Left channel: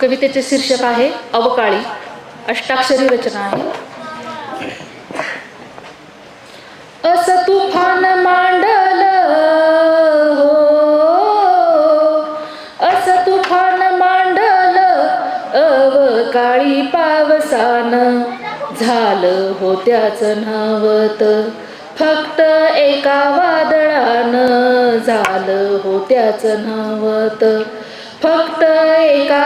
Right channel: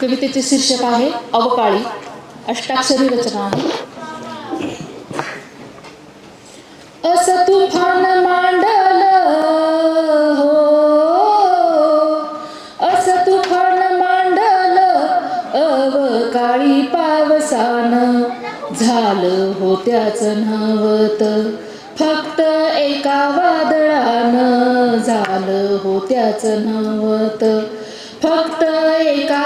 कवितेचे शीर्षक आहे अवकाळी अष्टाक्षरी रचना. आहे अस तुफान मांडल हो अस तुफान मांडल अवकाळी पावसान. झालं होत्याच नवत फक्त एका वादळानं. झालं होत्याच नवत फक्त एका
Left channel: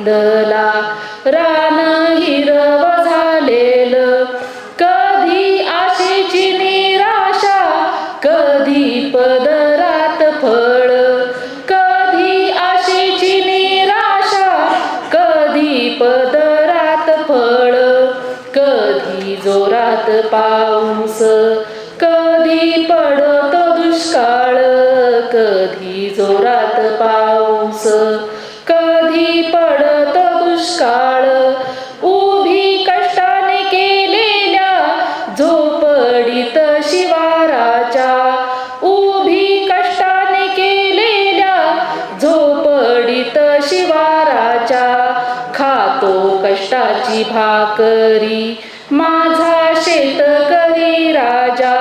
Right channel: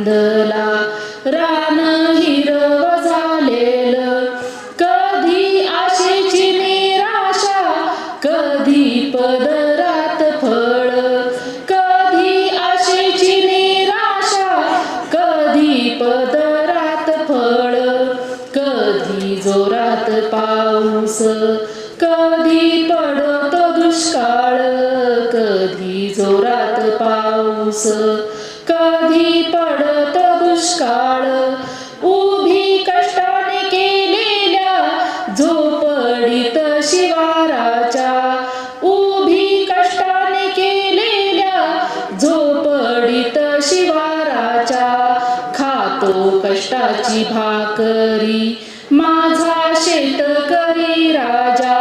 आनंदला रान हिरव झालेलं. कधी आशेची निराशा कधी पदरात फळ. कधी आशेची निराशा कधी पदरात फळ. कधी जोरात पाऊस कधी पडतो दुष्काळ. कधी जोरात पाऊस कधी पड दुष्काळ उभी कष्टाने केलेल्या झोपडीत शिवाराच्या उभी कष्टाने केलेल्या झोपडीत शिवाराच्या खातो कष्टाची भाकरी माझा शेतकरी राजा.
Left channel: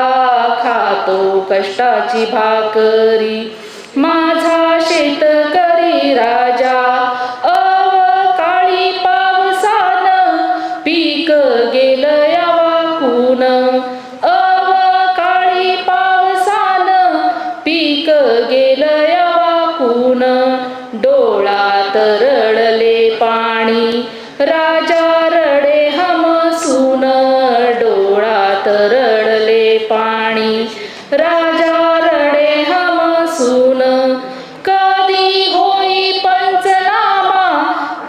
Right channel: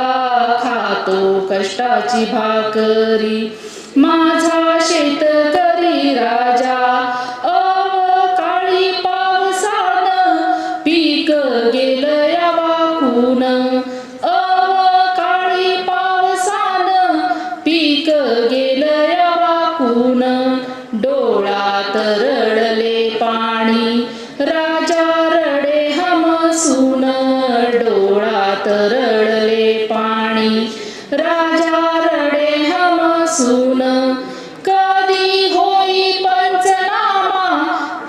खातो कष्टाची भाकरी हमसून कधी होई पंचनामा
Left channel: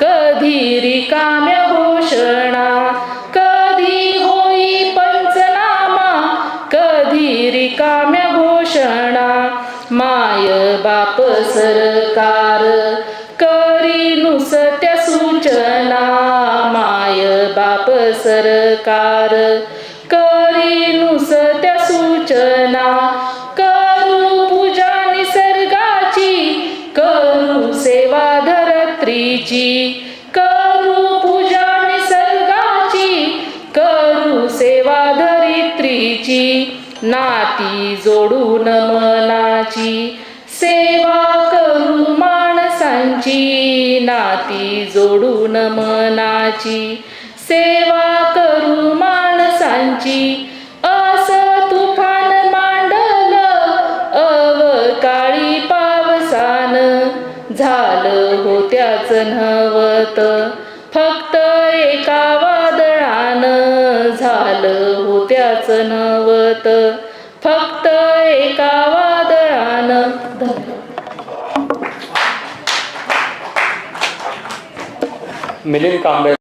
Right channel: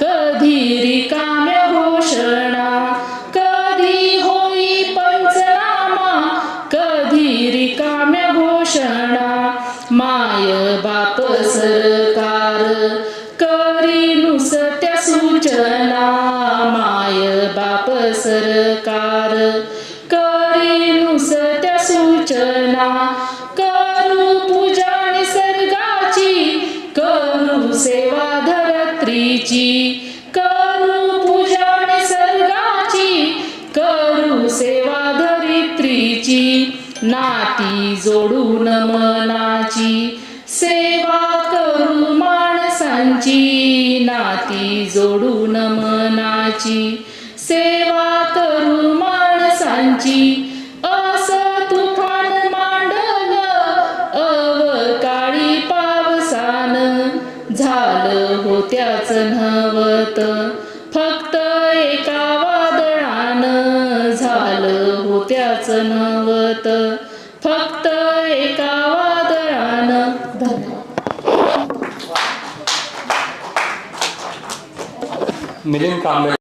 कधी रिकाम्या घोषणा कधी होई पंचनामा कधी रिकाम्या घोषणा. माय बाप सरकार करी नुसत्या सूचना. माय बाप सरकार करी नुसत्या सूचना. नाती जोडून मनाची सेवा करू माणसांची. नाती जोडून मनाची सेवा करू माणसांची. असं तुफान मांडलं अवकाळी पावसान. झालं होत्याच नवत फक्त एका वादळानं. झालं होत्याच जगत फक्त एका वादळान मिलिंद कांबळे.